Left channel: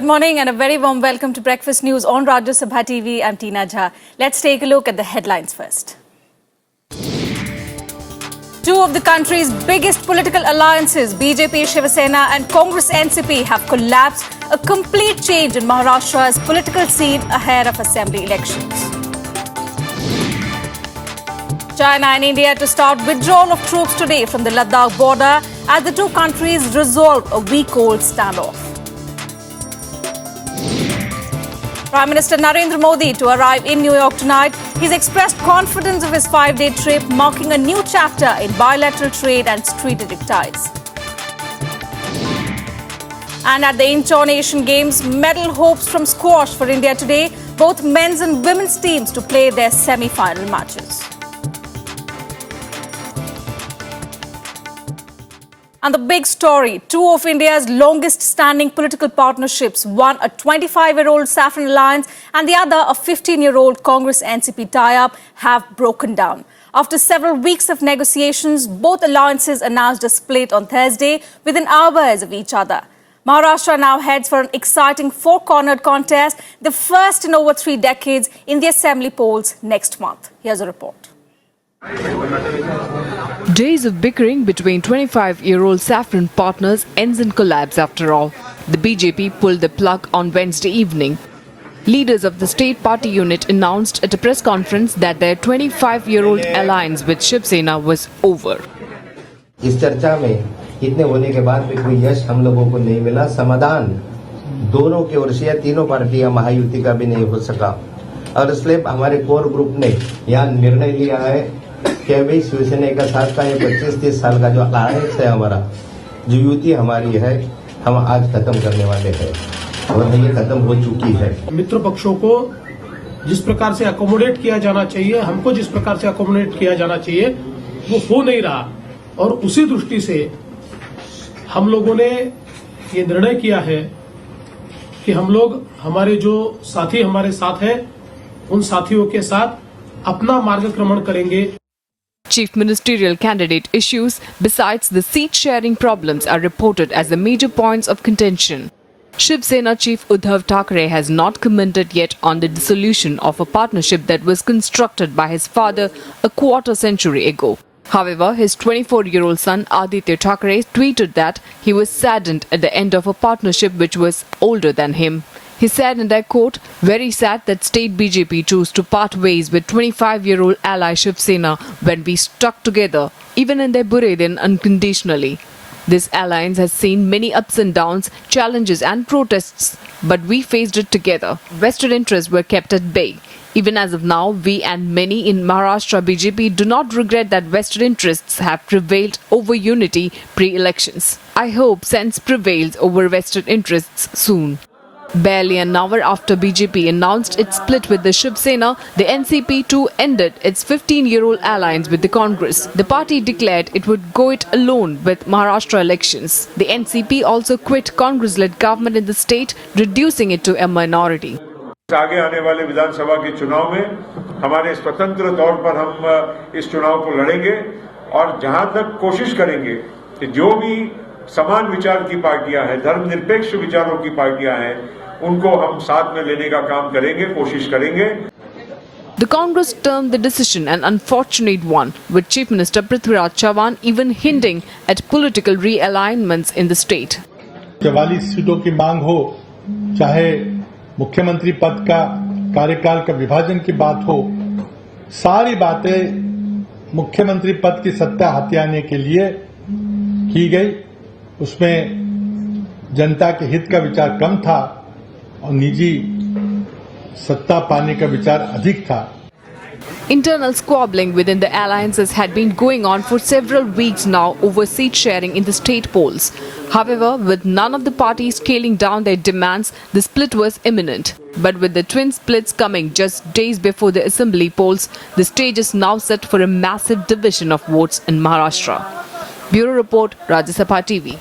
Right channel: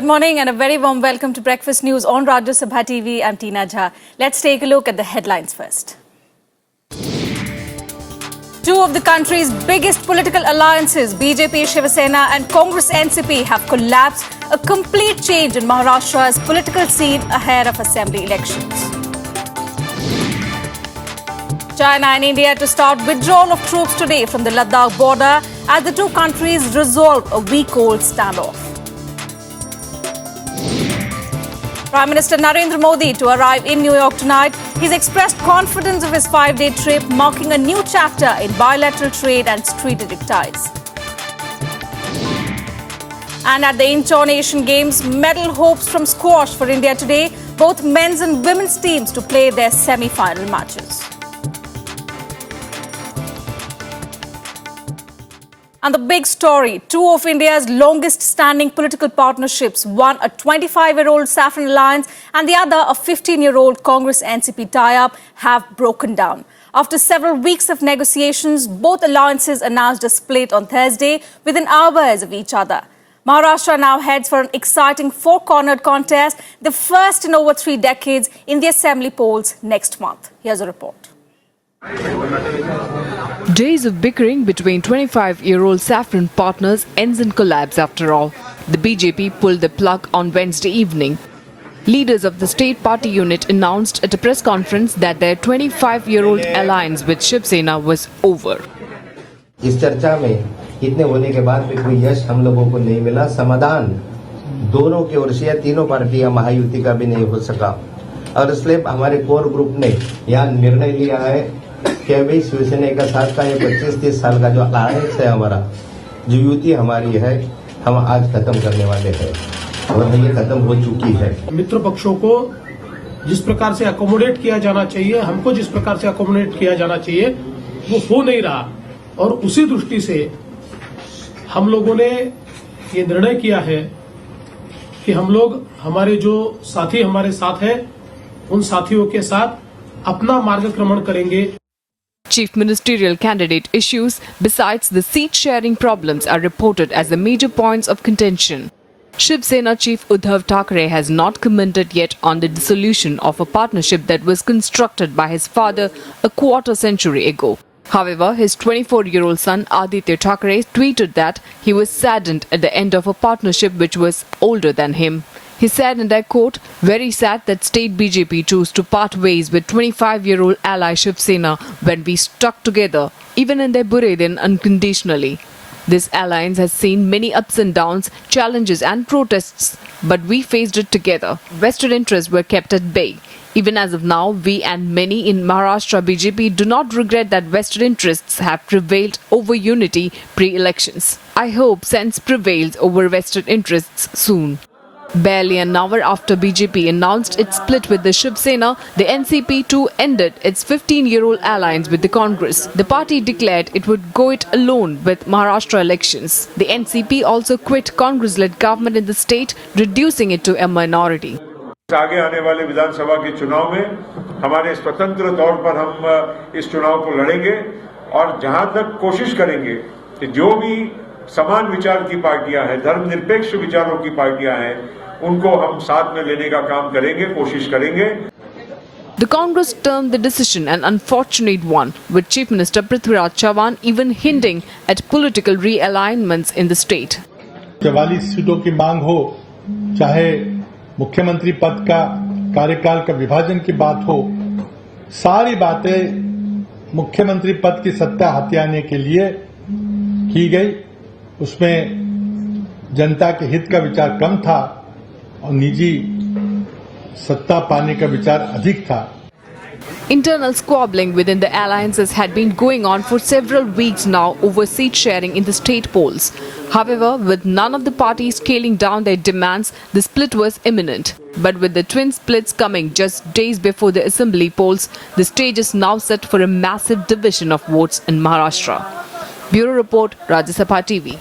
Good morning and a very warm welcome to Breakfast News on Rajya Sabha TV. I'm Tina Jha. Let's take a look at the headlines first. Two of the country's biggest political alliances, BJP Shiv Sena and Congress NCP, have collapsed, a complete change in Maharashtra's political scene ahead of assembly elections. China and India to start withdrawal of troops today from the Ladakh border as the two countries resolve a week-old standoff. Prime Minister Narendra Modi to arrive in New York tonight. He's expressed confidence of his 5-day trip, marking a new chapter in bilateral trade and strategic ties. And at the Incheon Asian Games, medal hopes from squash for India today. Both men's and women's teams to play their semi-final matches. And the big story, two of India's longest-standing political partnerships, one a 25-year-old Saffron alliance and the other a 15-year-old Congress-NCP tie-up, have broken down. After several weeks of negotiations, both alliances announced a split on Thursday within hours of each other. Maharashtra now heads for an exciting four-cornered contest, the first in over 3 decades, in the assembly polls next month. Here's a report. Days of bickering between 25-year-old Saffron partners ends in collapse after all. The BJP pulled the plug on Wednesday evening. Leaders of the state party unit announced at a press conference that their 25-year-old alliance with Shiv Sena was over. इस चर्चा में इतने होने के बाद भी कोई यश हम लोगों को नहीं मिला, समाधान दोनों की ओर से तीनों पार्टियां महायुति का भी नहीं हो सका और इसलिए हमारे कोर ग्रुप ने यहां निर्णय लिया है कि अभी शिवसेना का साथ का ये 25-30 साल का जो आरएस है हमारा, जो युति हमारी है, हम आज खत्म करने वाले हैं और ये खत्म हो चुकी है। मित्र पक्षों को जिस प्रकार से अकोमोडेट किया जाना चाहिए, हमको जिस प्रकार से अकोमोडेट किया जाना चाहिए, वो हो नहीं रहा और उसी दृष्टि से हम लोगों ने ये निर्णय किया है कि हम लोग हमारे जो साथी हमारे साथ हैं, उन साथियों के साथ अपना मार्गक्रमण करेंगे। Chief ministerial candidate issues besides the seat-sharing problems are reported as the major points of contention. Shiv Sena chief Uddhav Thackeray has not commented yet on the dissolution of a partnership that was constructed by his father a quarter century ago. However, his 24-year-old son Aditya Thackeray tweeted that he was saddened at the end of a partnership which was older than him. He said, and I quote, "Very sad that state BJP chose to part ways with 25-year-old ally Shiv Sena when we stuck together, even in their Bulletin unconditionally. This alliance has seen many ups and downs, challenges and protests, but we faced it together. Vested interests were kept at bay. Even as of now, we and many in Maharashtra BJP do not regret that vested interests have prevailed over unity pre-elections. I hope sense prevails over vested interests soon." Barely an hour after BJP announced its split with the Shiv Sena, the NCP too ended its 15-year-old alliance with the Congress. The party declared it would go it alone with Maharashtra elections. The NCP also quit Congress-led government in the state, reducing it to a minority. आगे आने वाले विधानसभा के चुनाव में हमारे स्वतंत्र तौर पर हम इस चुनाव को लड़ेंगे और जहां तक कोशिश करेंगे कि जो भी समान विचार की पार्टियां हैं, धर्मनिरपेक्ष विचारों की पार्टियां हैं, उनको हम साथ में लेने का काम करेंगे, कोशिश करेंगे। The Congress termed the decision an unfortunate one, with Chief Minister Prithviraj Chavan even hinting at political realignments in the state. 44 सीटों की मांग हो, चाहे मुख्यमंत्री पद का कार्यकाल का विभाजन की बात हो, सारी बातें मुख्यमंत्री पद की सत्ता हथियाने के लिए की गई। उसमें जनता के हित का विचार कम था और निजी सत्ता पाने का विचार अधिक था। Internal squabbling within the alliances had been going on for several weeks now over seat sharing in the state polls. However, with none of the parties scaling down their demands, the split was imminent. But with the twin splits coming just days before the assembly polls, the stage is now set for a massive division of votes in Maharashtra. Bureau Report, Rajya Sabha TV.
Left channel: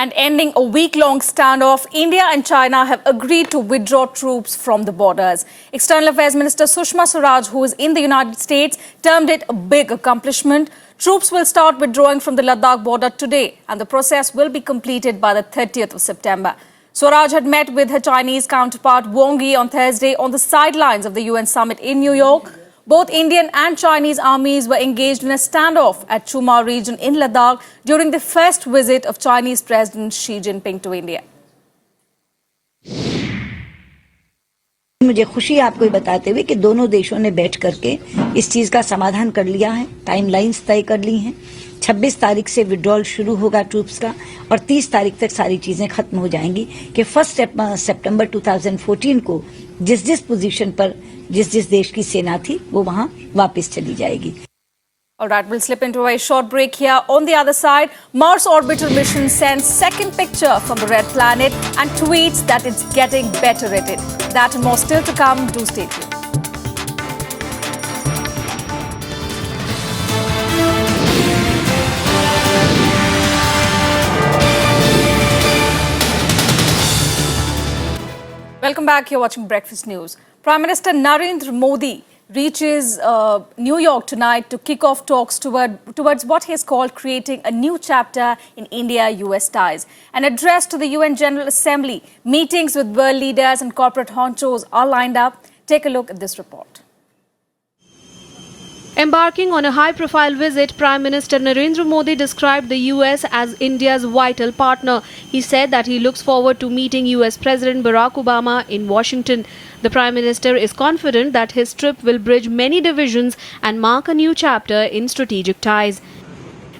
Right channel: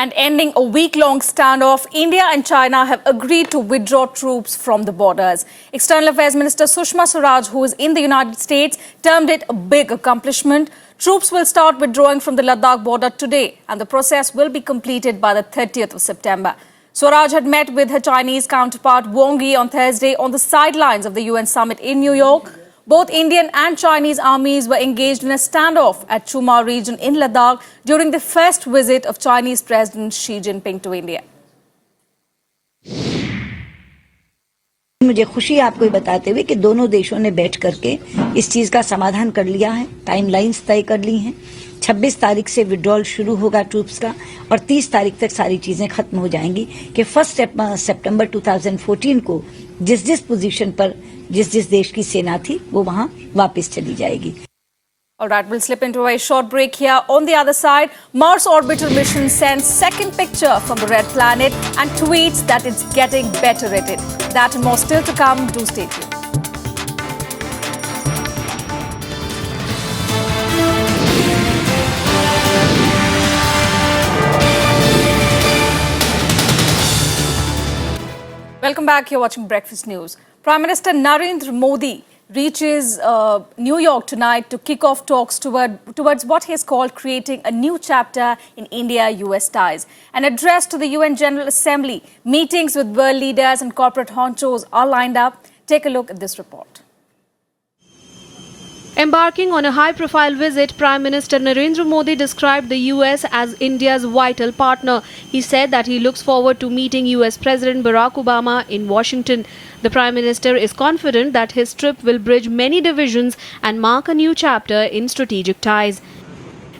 And ending a week-long standoff, India and China have agreed to withdraw troops from the borders. External Affairs Minister Sushma Swaraj, who is in the United States, termed it a big accomplishment. Troops will start withdrawing from the Ladakh border today, and the process will be completed by the 30th of September. Swaraj had met with her Chinese counterpart Wang Yi on Thursday on the sidelines of the UN summit in New York. Both Indian and Chinese armies were engaged in a standoff at Chuma region in Ladakh during the first visit of Chinese President Xi Jinping to India. मुझे खुशी है आपको बताते हुए कि दोनों देशों ने बैठ करके इस चीज का समाधान कर लिया है, टाइमलाइंस तय कर ली हैं। 26 तारीख से विड्रॉल शुरू होगा ट्रूप्स का और 30 तारीख तक सारी चीजें खत्म हो जाएंगी कि 1 सितंबर 2014 को जिस पोजीशन पर जिस देश की सेना थी वो वहां वापस चली जाएगी। All right, we'll slip into a short break here. On the other side, Mars orbital mission sends second picture from the red planet and tweets that it's getting better at it. That and more still to come. Do stay tuned. Welcome back. You're watching Breakfast News. Prime Minister Narendra Modi reaches New York tonight to kick off talks towards what he has called creating a new chapter in India-US ties. An address to the UN General Assembly, meetings with world leaders and corporate honchos are lined up. Take a look at this report. Embarking on a high-profile visit, Prime Minister Narendra Modi described the US as India's vital partner. He said that he looks forward to meeting US President Barack Obama in Washington. The Prime Minister is confident that his trip will bridge many divisions and mark a new chapter in strategic ties.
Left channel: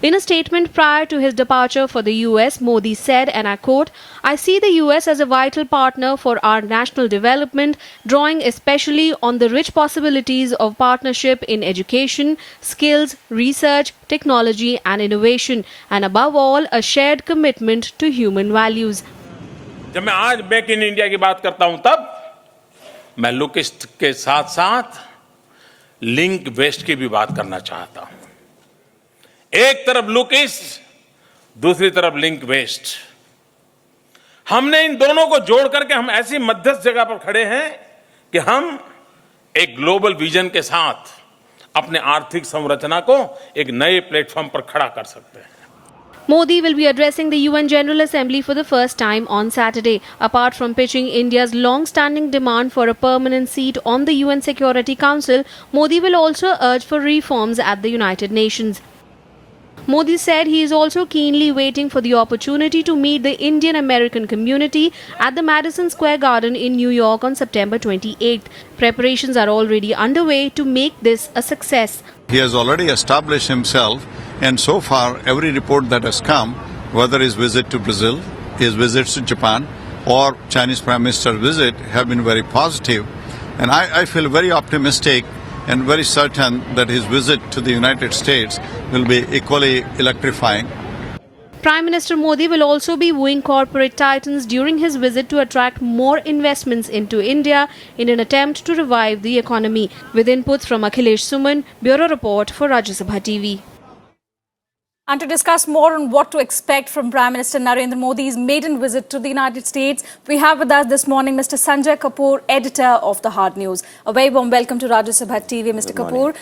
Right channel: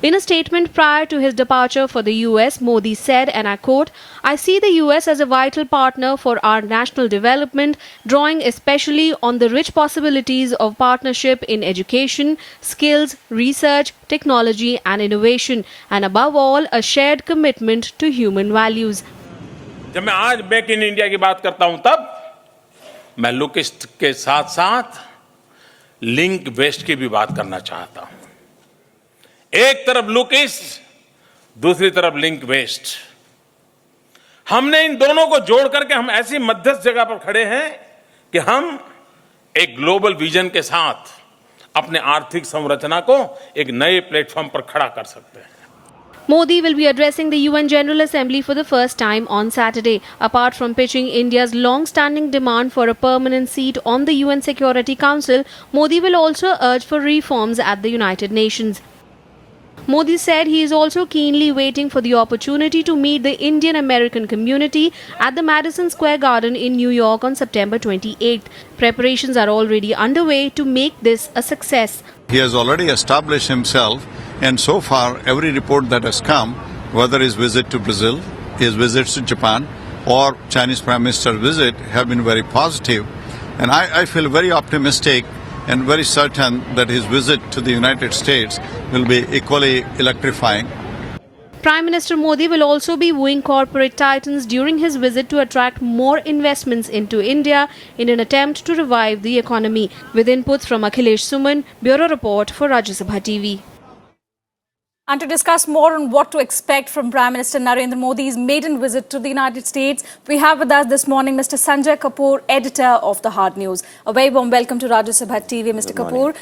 In a statement prior to his departure for the US, Modi said, and I quote, "I see the US as a vital partner for our national development, drawing especially on the rich possibilities of partnership in education, skills, research, technology and innovation, and above all, a shared commitment to human values." जब मैं आज make in India की बात करता हूं तब मैं look east के साथ साथ लिंक वेस्ट की भी बात करना चाहता हूं। एक तरफ लुक ईस्ट, दूसरी तरफ लिंक वेस्ट। हमने इन दोनों को जोड़ करके हम ऐसी मध्यस्थ जगह पर खड़े हैं कि हम एक ग्लोबल विजन के साथ अपने आर्थिक संरचना को एक नए प्लेटफॉर्म पर खड़ा कर सकते हैं। Modi will be addressing the UN General Assembly for the first time on Saturday. Apart from pitching India's long-standing demand for a permanent seat on the UN Security Council, Modi will also urge for reforms at the United Nations. Modi said he is also keenly waiting for the opportunity to meet the Indian-American community at the Madison Square Garden in New York on September 28th. Preparations are already underway to make this a success. He has already established himself, and so far every report that has come, whether his visit to Brazil, his visits to Japan or Chinese Prime Minister's visit, have been very positive. And I feel very optimistic and very certain that his visit to the United States will be equally electrifying. Prime Minister Modi will also be wooing corporate titans during his visit to attract more investments into India in an attempt to revive the economy. With inputs from Akhilesh Suman, Bureau Report for Rajya Sabha TV. And to discuss more on what to expect from Prime Minister Narendra Modi's maiden visit to the United States, we have with us this morning Mr. Sanjay Kapoor, editor of The Hard News. A very warm welcome to Rajya Sabha TV, Mr. Kapoor.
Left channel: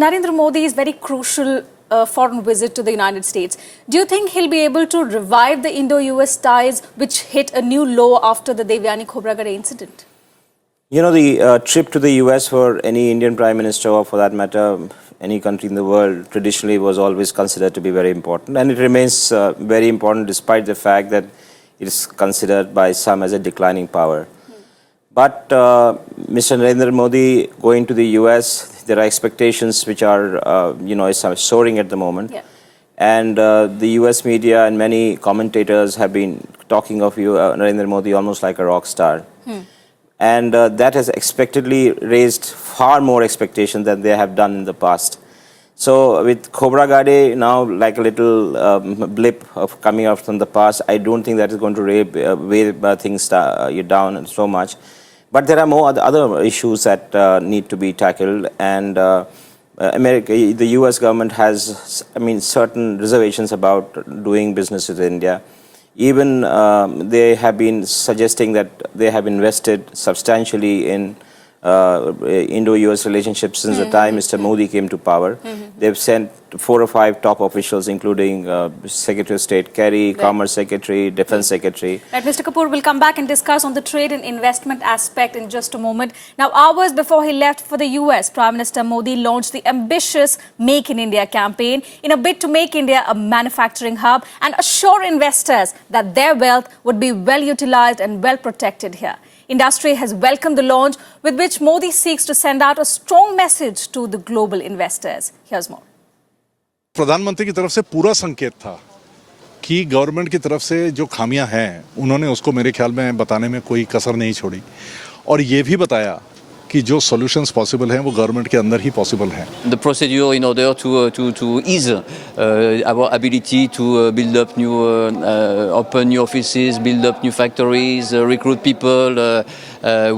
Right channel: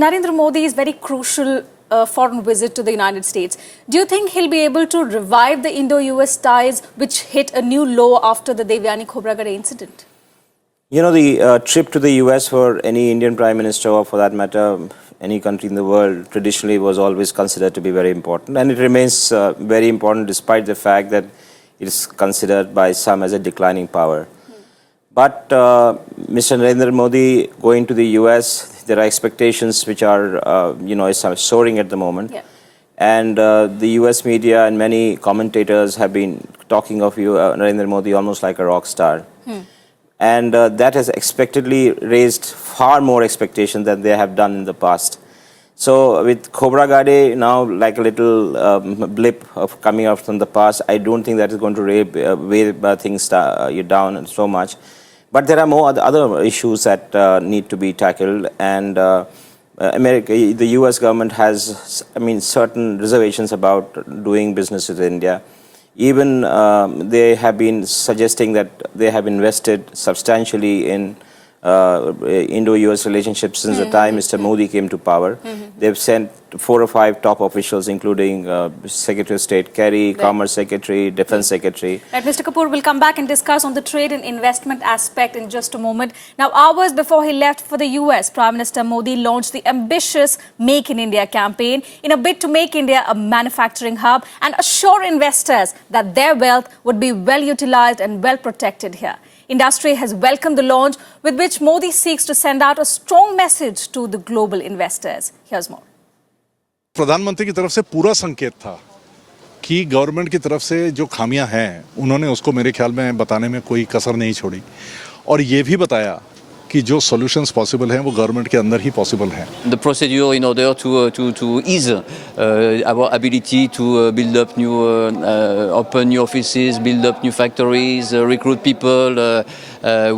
Narendra Modi's very crucial foreign visit to the United States. Do you think he'll be able to revive the Indo-US ties, which hit a new low after the Devyani Khobragade incident? You know, the trip to the US for any Indian Prime Minister, or for that matter, any country in the world, traditionally was always considered to be very important. And it remains very important despite the fact that it is considered by some as a declining power. But Mr. Narendra Modi going to the US, there are expectations which are, soaring at the moment. Yeah. And the US media and many commentators have been talking of Narendra Modi almost like a rock star. And that has expectedly raised far more expectations than they have done in the past. So with Khobragade now like a little blip of coming out from the past, I don't think that is going to weigh things down so much. But there are more other issues that need to be tackled, and the US government has, certain reservations about doing business with India. Even they have been suggesting that they have invested substantially in Indo-US relationship since the time Mr. Modi came to power. They've sent 4 or 5 top officials, including Secretary of State Kerry, Commerce Secretary, Defense Secretary. Right, Mr. Kapoor, will come back and discuss on the trade and investment aspect in just a moment. Now, hours before he left for the US, Prime Minister Modi launched the ambitious Make in India campaign in a bid to make India a manufacturing hub and assure investors that their wealth would be well utilized and well protected here. Industry has welcomed the launch, with which Modi seeks to send out a strong message to the global investors. Here's more. प्रधानमंत्री की तरफ से पूरा संकेत था कि government की तरफ से जो खामियां हैं उन्होंने उसको मेरे ख्याल में बताने में कोई कसर नहीं छोड़ी और ये भी बताया कि जो सॉल्यूशंस पॉसिबल हैं वो गवर्नमेंट के अंदर ही पॉसिबल हैं. The procedure in order to ease our ability to build up new open new offices, build up new factories, recruit people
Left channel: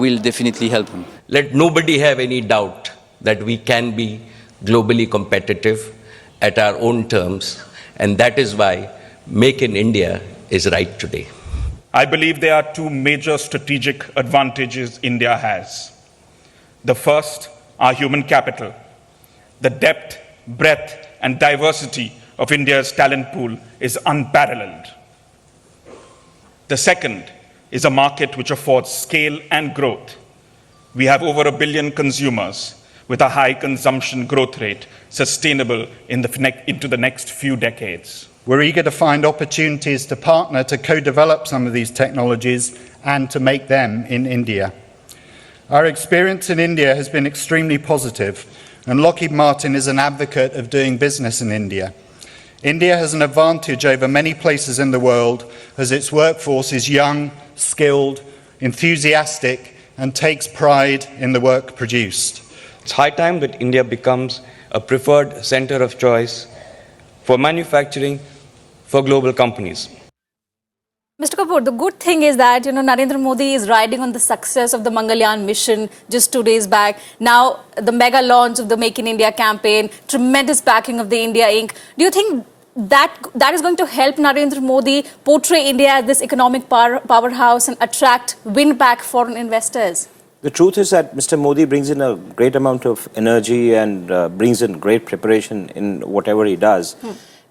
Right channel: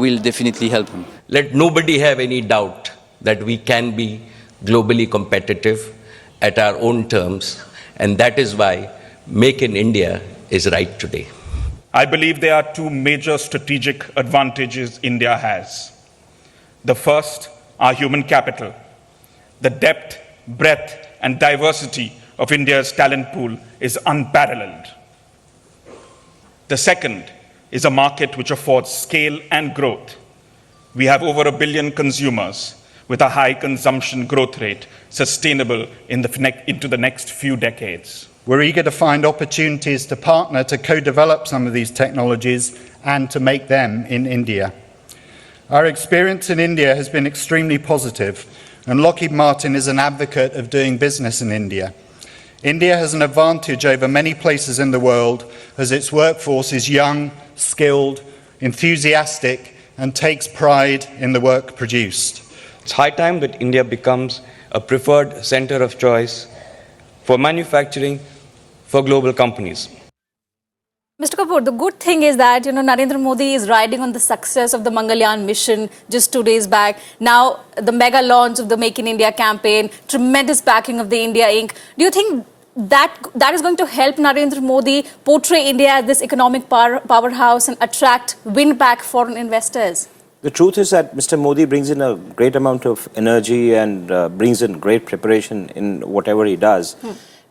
will definitely help them. Let nobody have any doubt that we can be globally competitive at our own terms, and that is why Make in India is right today. I believe there are 2 major strategic advantages India has. The first, our human capital. The depth, breadth, and diversity of India's talent pool is unparalleled. The second is a market which affords scale and growth. We have over 1 billion consumers with a high consumption growth rate sustainable into the next few decades. We're eager to find opportunities to partner to co-develop some of these technologies and to make them in India. Our experience in India has been extremely positive, and Lockheed Martin is an advocate of doing business in India. India has an advantage over many places in the world as its workforce is young, skilled, enthusiastic, and takes pride in the work produced. It's high time that India becomes a preferred center of choice for manufacturing for global companies. Mr. Kapoor, the good thing is that, Narendra Modi is riding on the success of the Mangalyaan mission just 2 days back. Now, the mega launch of the Make in India campaign, tremendous backing of the India Inc. Do you think that is going to help Narendra Modi portray India as this economic powerhouse and win back foreign investors? The truth is that Mr. Modi brings in a great amount of energy and brings in great preparation in whatever he does.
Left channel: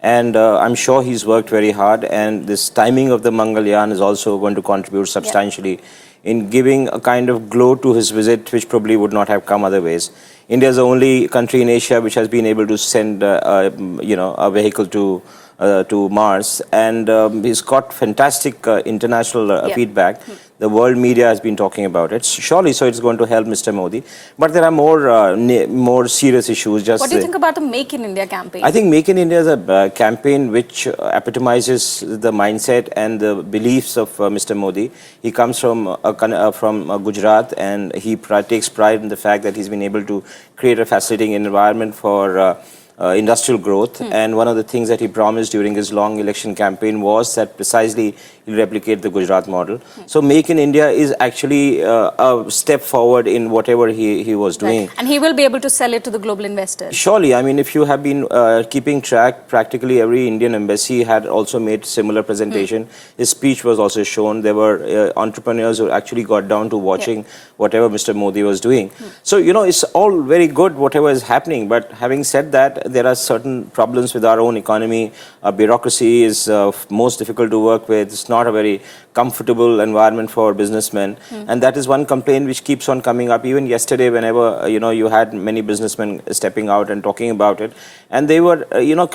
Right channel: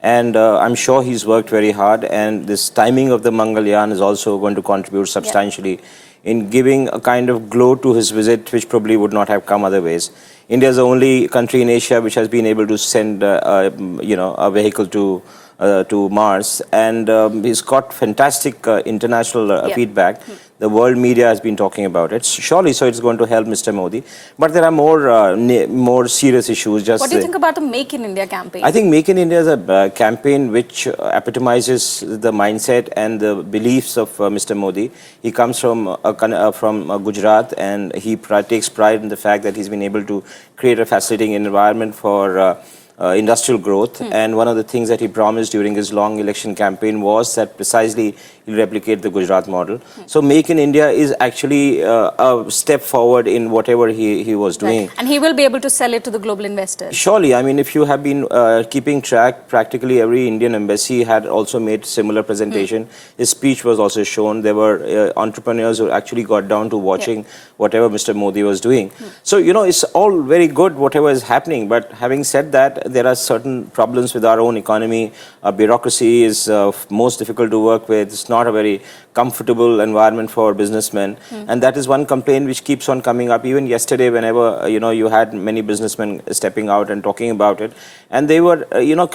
And I'm sure he's worked very hard, and this timing of the Mangalyaan is also going to contribute substantially in giving a kind of glow to his visit, which probably would not have come otherwise. India is the only country in Asia which has been able to send, a vehicle to Mars, and he's got fantastic international feedback. The world media has been talking about it. Surely, so it's going to help Mr. Modi. But there are more serious issues. What do you think about the Make in India campaign? I think Make in India is a campaign which epitomizes the mindset and the beliefs of Mr. Modi. He comes from Gujarat, and he takes pride in the fact that he's been able to create a fascinating environment for industrial growth. And one of the things that he promised during his long election campaign was that precisely he'll replicate the Gujarat model. So Make in India is actually a step forward in whatever he was doing. Right. And he will be able to sell it to the global investors. Surely. I mean, if you have been keeping track, practically every Indian embassy had also made similar presentation. His speech was also shown. There were entrepreneurs who actually got down to watching whatever Mr. Modi was doing. So, it's all very good, whatever is happening. But having said that, there are certain problems with our own economy. Bureaucracy is most difficult to work with. It's not a very comfortable environment for businessmen. And that is one complaint which keeps on coming up. Even yesterday, whenever, you had many businessmen stepping out and talking about it. And they were,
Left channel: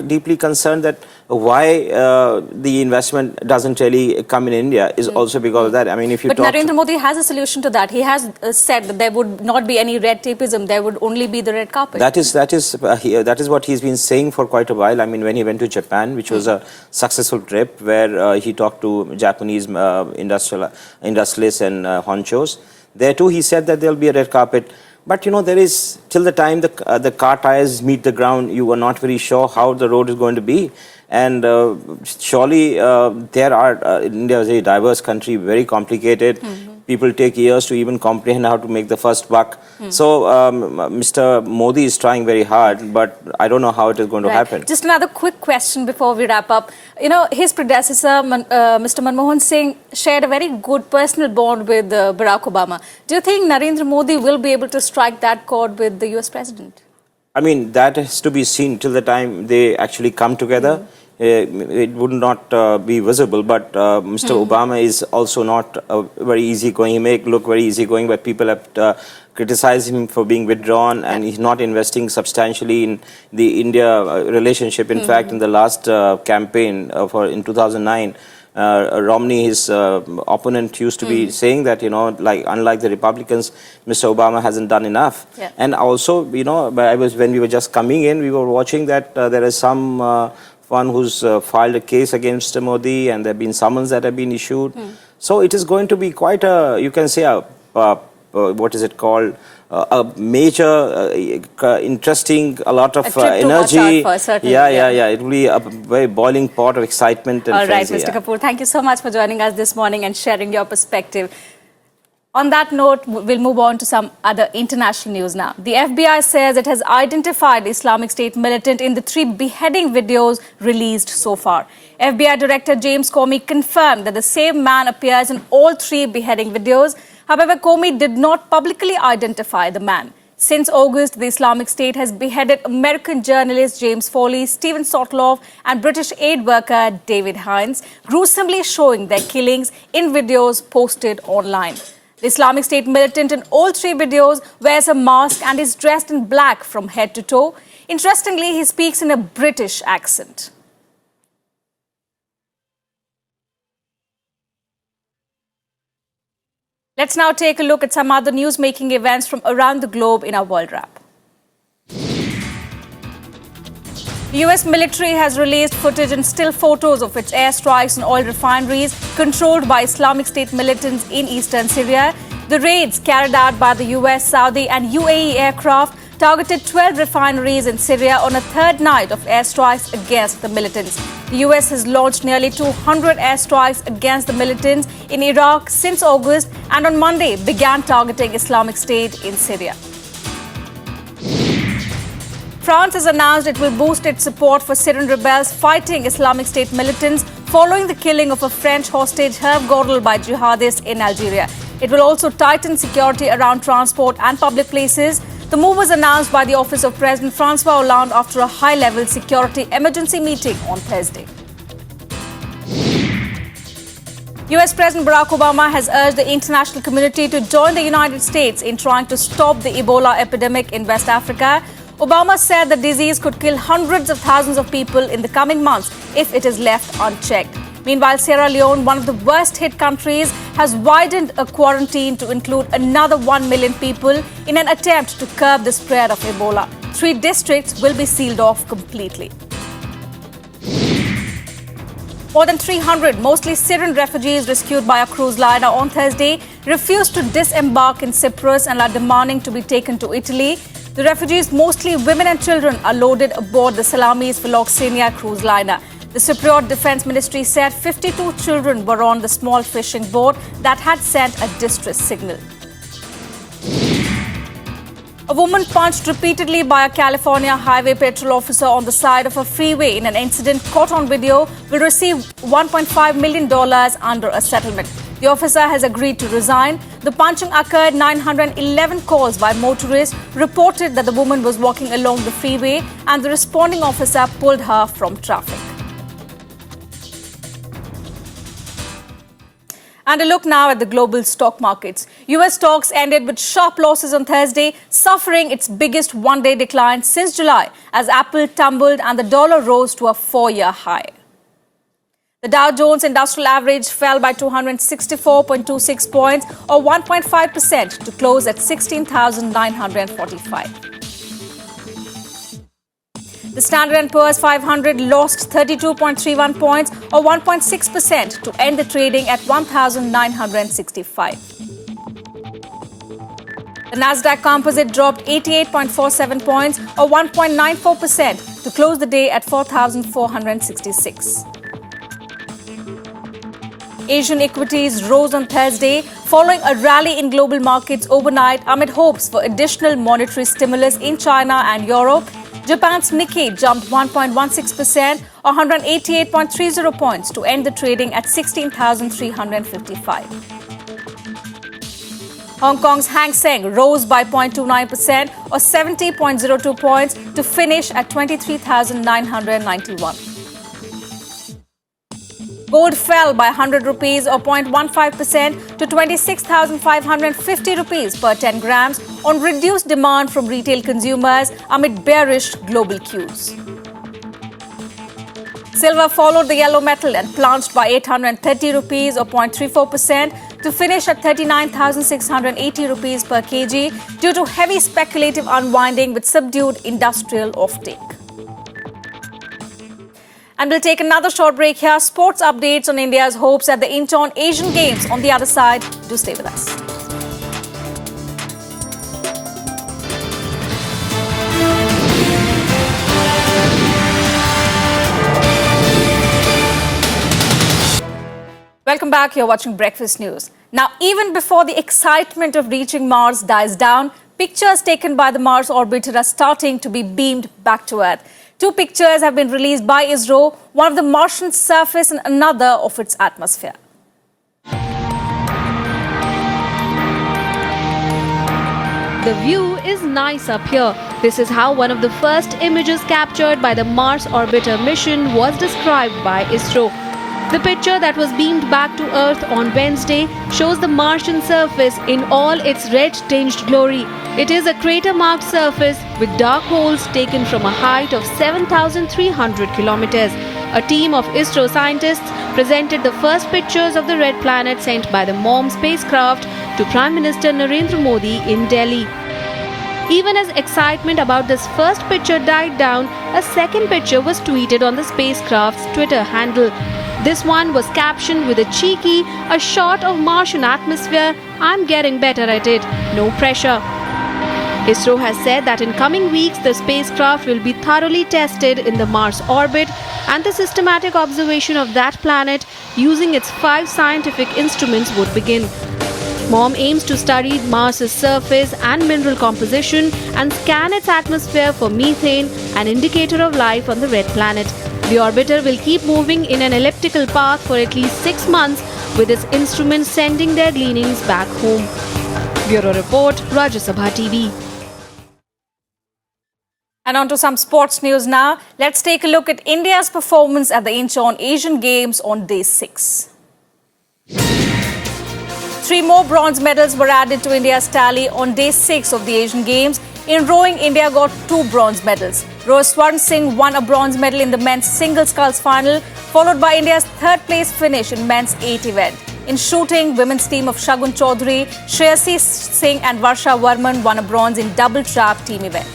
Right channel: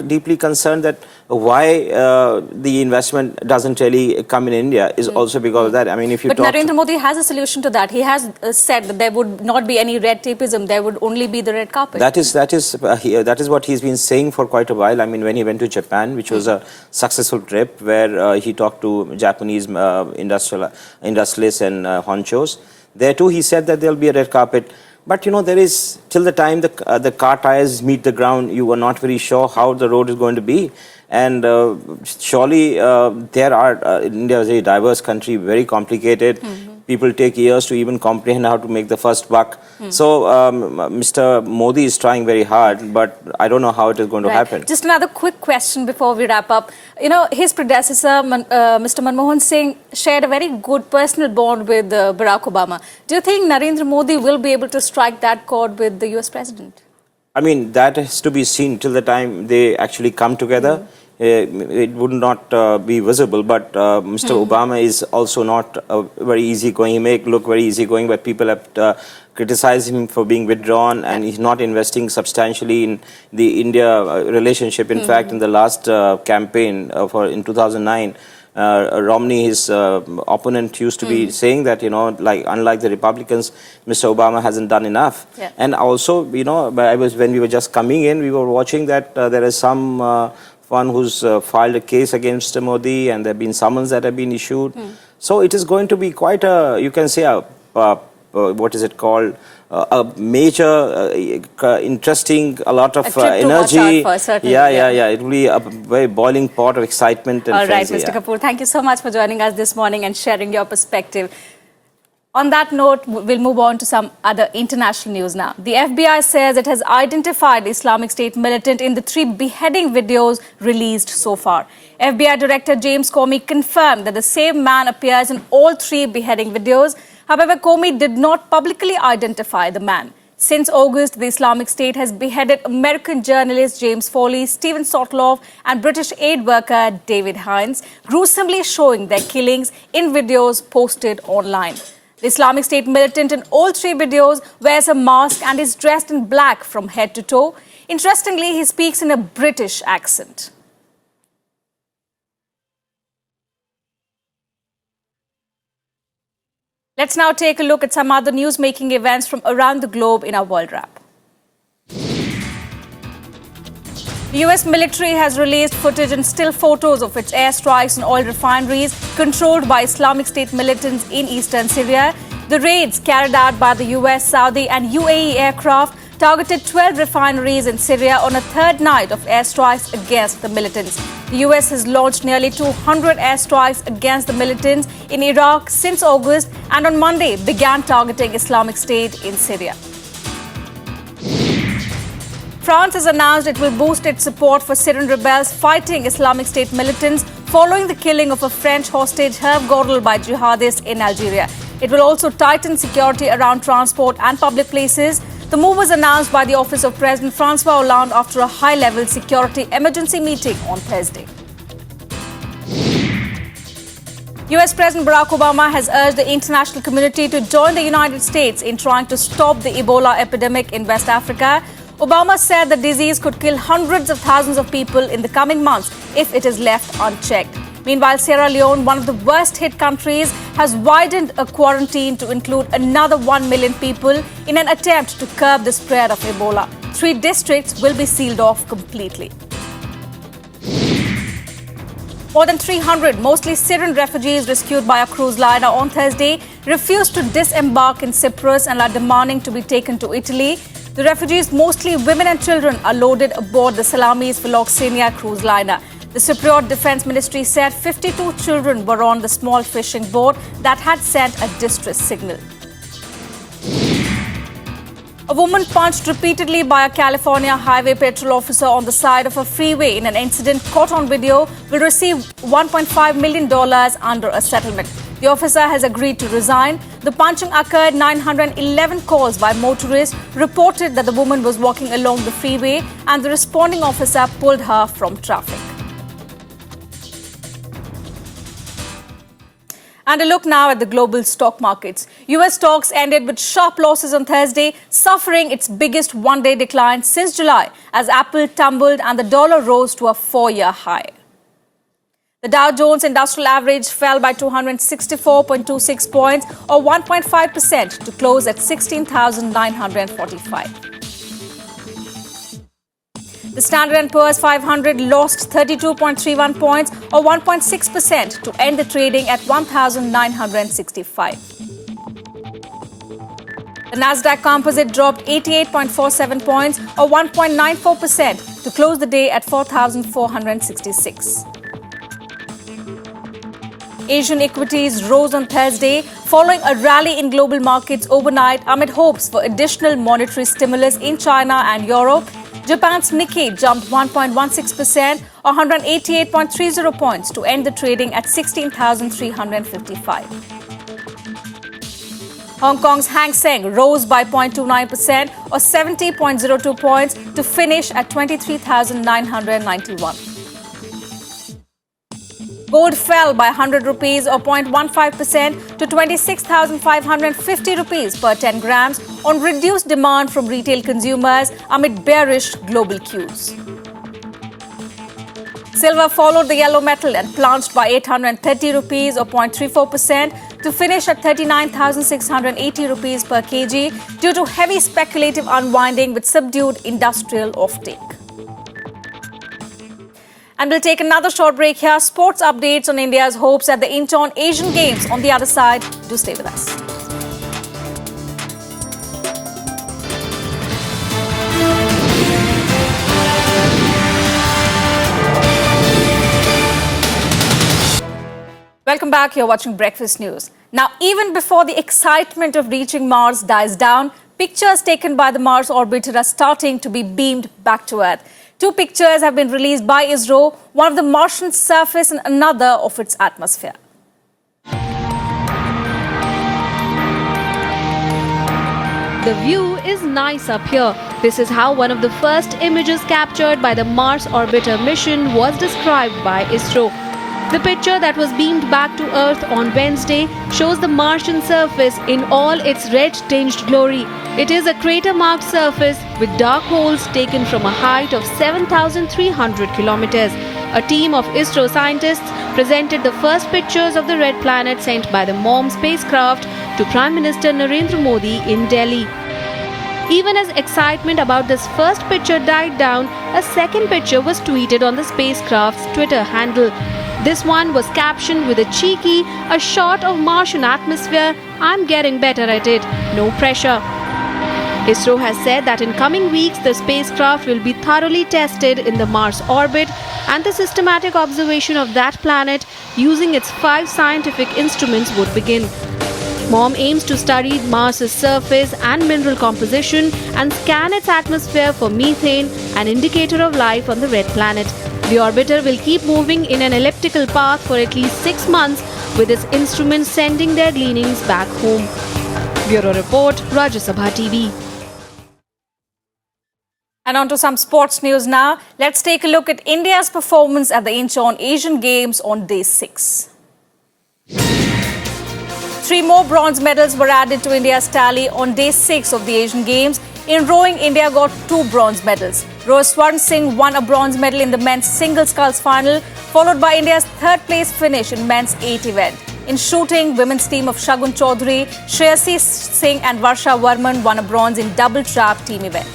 deeply concerned that why the investment doesn't really come in India is also because of that. I mean, if you But Narendra Modi has a solution to that. He has said that there would not be any red tapeism. There would only be the red carpet. That is what he's been saying for quite a while. I mean, when he went to Japan, which was a successful trip, where he talked to Japanese industrialists and honchos. There too, he said that there'll be a red carpet. But there is, till the time the car tires meet the ground, you are not very sure how the road is going to be. And surely India is a diverse country, very complicated. people take years to even comprehend how to make the first buck. So Mr. Modi is trying very hard, but I don't know how it is going to happen. Just another quick question before we wrap up. You know, his predecessor, Mr. Manmohan Singh, shared a very good personal bond with Barack Obama. Do you think Narendra Modi will be able to strike that chord with the US president? I mean, that has to be seen till the time they actually come together. It would not be visible, but Mr. Obama is also not very easygoing. He may look very easygoing, but people have criticized him for being withdrawn, and he's not investing substantially in the India relationship. In fact, in the last campaign in 2009, Romney, his opponent, used to be saying that, you know, like unlike the Republicans, Mr. Obama hasn't done enough. And also, you know, when we were just coming in, we were watching that there is some one who's filed a case against Mr. Modi, and there have been summons that have been issued. So it is going to be quite a, you can say, what is it called? A major, interesting, a lot of energy. It will be a very boiling pot of excitement and All right, frenzy, Mr. Kapoor, thank you so much for joining us this morning and sharing your perspective. On that note, we'll move on to some other international news now. The FBI says it has identified the Islamic State militant in the 3 beheading videos released so far. FBI Director James Comey confirmed that the same man appears in all 3 beheading videos. However, Comey did not publicly identify the man. Since August, the Islamic State has beheaded American journalist James Foley, Stephen Sotloff, and British aid worker David Hines, gruesomely showing their killings in videos posted online. The Islamic State militant in all 3 videos wears a mask and is dressed in black from head to toe. Interestingly, he speaks in a British accent. Let's now take a look at some other news-making events from around the globe in our World Wrap. The US military has released footage and still photos of its airstrikes on oil refineries controlled by Islamic State militants in eastern Syria. The raids carried out by the US, Saudi and UAE aircraft targeted 12 refineries in Syria on a 3rd night of airstrikes against the militants. The US has launched nearly 200 airstrikes against the militants in Iraq since August, and on Monday began targeting Islamic State in Syria. France has announced it will boost its support for Syrian rebels fighting Islamic State militants following the killing of a French hostage Hervé Gordel by jihadists in Algeria. It will also tighten security around transport and public places. The move was announced by the office of President Francois Hollande after a high-level security emergency meeting on Thursday. US President Barack Obama has urged the international community to join the United States in trying to stop the Ebola epidemic in West Africa. Obama said the disease could kill hundreds of thousands of people in the coming months if it is left unchecked. Meanwhile, Sierra Leone, one of the worst-hit countries, has widened a quarantine to include another 1 million people in an attempt to curb the spread of Ebola. 3 districts will be sealed off completely. More than 300, mostly Syrian refugees rescued by a cruise liner on Thursday, refused to disembark in Cyprus and are demanding to be taken to Italy. The refugees, mostly women and children, are loaded aboard the Salamis Philoxenia cruise liner. The Cypriot Defence Ministry said 52 children were on the small fishing boat that had sent a distress signal. A woman punched repeatedly by a California highway patrol officer on the side of a freeway in an incident caught on video will receive $1.5 million under a settlement. The officer has agreed to resign. The punching occurred 911 calls by motorists reported that the woman was walking along the freeway and the responding officer pulled her from traffic. And a look now at the global stock markets. US stocks ended with sharp losses on Thursday, suffering its biggest one-day decline since July as Apple tumbled and the dollar rose to a 4-year high. The Dow Jones Industrial Average fell by 264.26 points or 1.5% to close at 16,945. The Standard & Poor's 500 lost 32.31 points or 1.6% to end the trading at 1,965. The Nasdaq Composite dropped 88.47 points or 1.94% to close the day at 4,466. Asian equities rose on Thursday following a rally in global markets overnight amid hopes for additional monetary stimulus in China and Europe. Japan's Nikkei jumped 1.16%, or 188.30 points, to end the trading at 16,355. Hong Kong's Hang Seng rose by 0.29%, or 70.02 points, to finish at 23,991. Gold fell by 100 rupees, or 0.15%, to 26,550 rupees per 10 grams on reduced demand from retail consumers amid bearish global cues. Silver followed the yellow metal and plunged by 830 rupees, or 0.34%, to finish at 39,680 rupees per kg due to heavy speculative unwinding with subdued industrial offtake. And we'll take another short break here. Sports updates on India's hopes at the Incheon Asian Games on the other side. Do stay with us. Welcome back. You're watching Breakfast News. Now, even before the excitement of reaching Mars dies down, pictures taken by the Mars orbiter are starting to be beamed back to Earth. Two pictures have been released by ISRO, one of the Martian surface and another of its atmosphere. The view is nice up here. This is how one of the first images captured by the Mars orbiter mission was described by ISRO. The picture that was beamed back to Earth on Wednesday shows the Martian surface in all its red-tinged glory. It is a crater-marked surface with dark holes taken from a height of 7,300 kilometers. A team of ISRO scientists presented the first pictures of the red planet sent by the MOM spacecraft to Prime Minister Narendra Modi in Delhi. Even as excitement about this first picture died down, a second picture was tweeted on the spacecraft's Twitter handle. This one was captioned with a cheeky, "A shot of Martian atmosphere. I'm getting better at it. No pressure." ISRO has said that in coming weeks, the spacecraft will be thoroughly tested in the Mars orbit and the systematic observation of that planet using its 5 scientific instruments would begin. MOM aims to study Mars's surface and mineral composition and scan its atmosphere for methane, an indicator of life on the red planet. The orbiter will keep moving in an elliptical path for at least 6 months, with its instruments sending their gleanings back home. Bureau Report, Rajya Sabha TV. And on to some sports news now. Let's take a look at India's performance at the Incheon Asian Games on day 6. 3 more bronze medals were added to India's tally on day 6 of the Asian Games. In rowing, India got 2 bronze medals. Rower Swarn Singh won a bronze medal in the men's single sculls final, followed by India's 3rd place finish in men's 8 event. In shooting, women's team of Shagun Chaudhary, Shreyasi Singh and Varsha Varman won a bronze in double trap team event.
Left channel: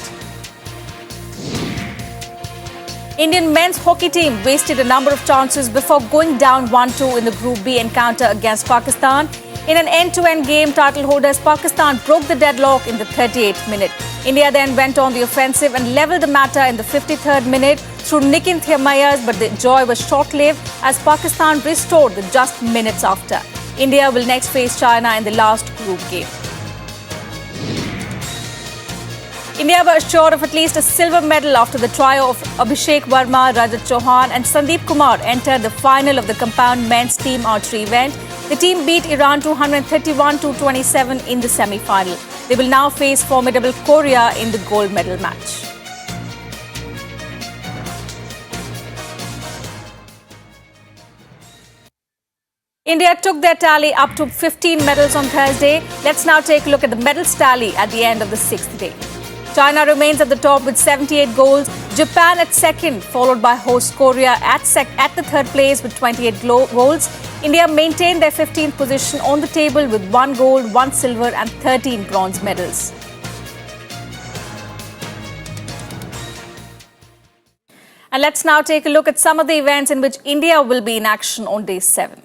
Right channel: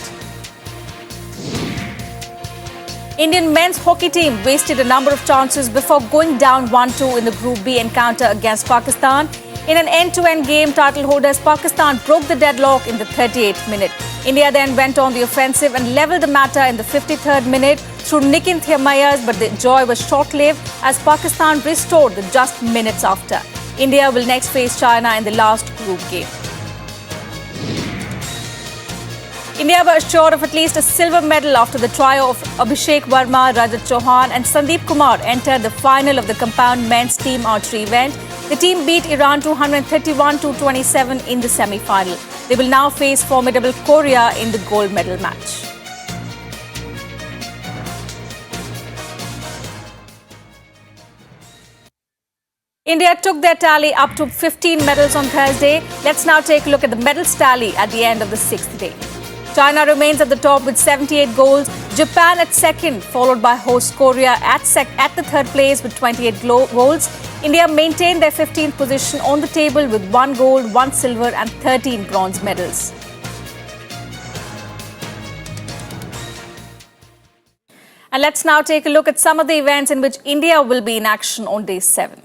Indian men's hockey team wasted a number of chances before going down 1-2 in the Group B encounter against Pakistan. In an end-to-end game, title holders Pakistan broke the deadlock in the 38th minute. India then went on the offensive and levelled the matter in the 53rd minute through Nikin Thiamayas, but the joy was short-lived as Pakistan restored the just minutes after. India will next face China in the last group game. India were assured of at least a silver medal after the trio of Abhishek Verma, Rajat Chauhan and Sandeep Kumar entered the final of the compound men's team archery event. The team beat Iran 231-27 in the semi-final. They will now face formidable Korea in the gold medal match. India took their tally up to 15 medals on Thursday. Let's now take a look at the medals tally at the end of the 6th day. China remains at the top with 78 goals. Japan at 2nd, followed by host Korea at the 3rd place with 28 goals. India maintained their 15th position on the table with 1 gold, 1 silver and 13 bronze medals. And let's now take a look at some of the events in which India will be in action on day 7.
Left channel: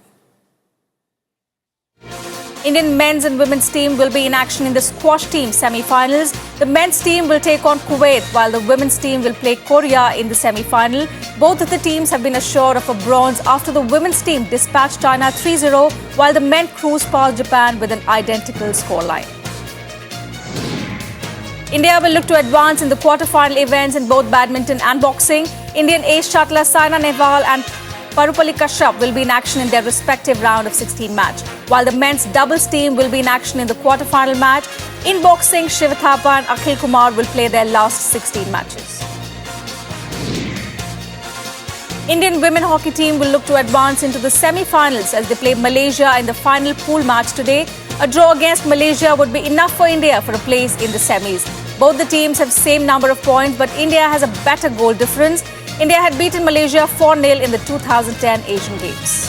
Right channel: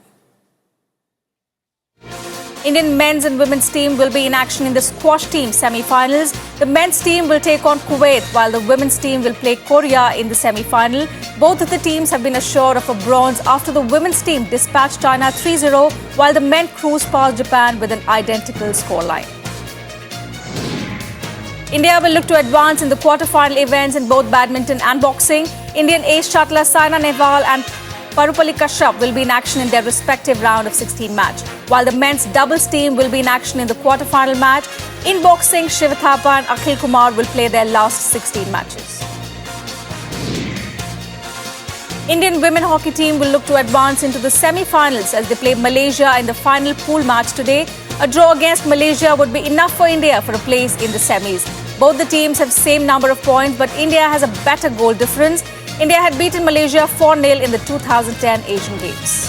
Indian men's and women's team will be in action in the squash team semi-finals. The men's team will take on Kuwait, while the women's team will play Korea in the semi-final. Both of the teams have been assured of a bronze after the women's team dispatched China 3-0, while the men cruised past Japan with an identical scoreline. India will look to advance in the quarter-final events in both badminton and boxing. Indian ace shuttler Saina Nehwal and Parupalli Kashyap will be in action in their respective round of 16 match, while the men's doubles team will be in action in the quarter-final match. In boxing, Shiv Thapa and Akhil Kumar will play their last 16 matches. Indian women hockey team will look to advance into the semi-finals as they play Malaysia in the final pool match today. A draw against Malaysia would be enough for India for a place in the semis. Both the teams have same number of points, but India has a better goal difference. India had beaten Malaysia 4-0 in the 2010 Asian Games.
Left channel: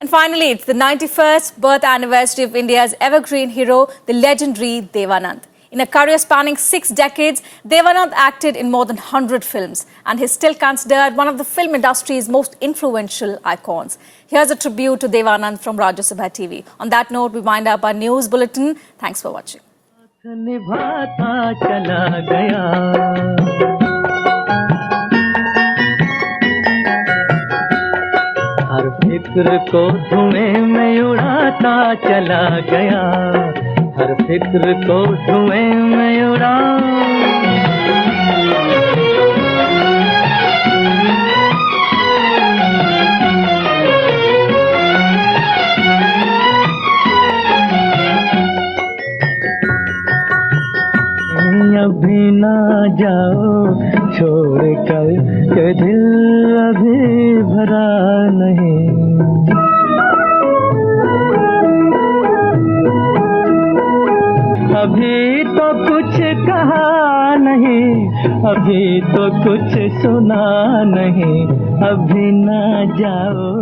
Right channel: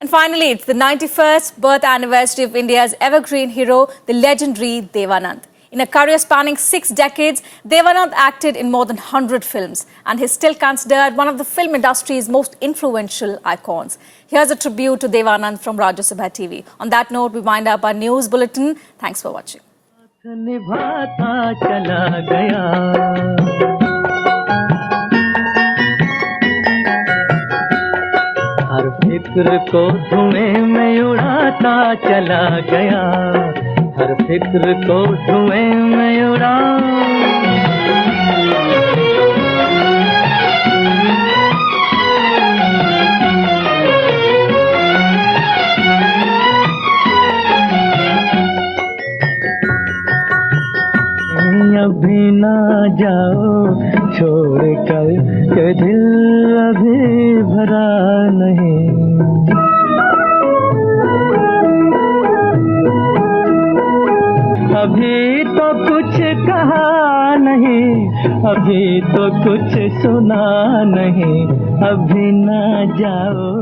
And finally, it's the 91st birth anniversary of India's evergreen hero, the legendary Devanand. In a career spanning 6 decades, Devanand acted in more than 100 films and is still considered one of the film industry's most influential icons. Here's a tribute to Devanand from Rajya Sabha TV. On that note, we wind up our news bulletin. Thanks for watching. हर फिक्र को धुएं में उड़ाता चला गया, हर फिक्र को धुएं में उड़ा अभी ना जाओ छोड़ कर के दिल अभी भरा नहीं, अभी तो कुछ कहा नहीं, अभी तो कुछ सुना नहीं, अभी ना जाओ।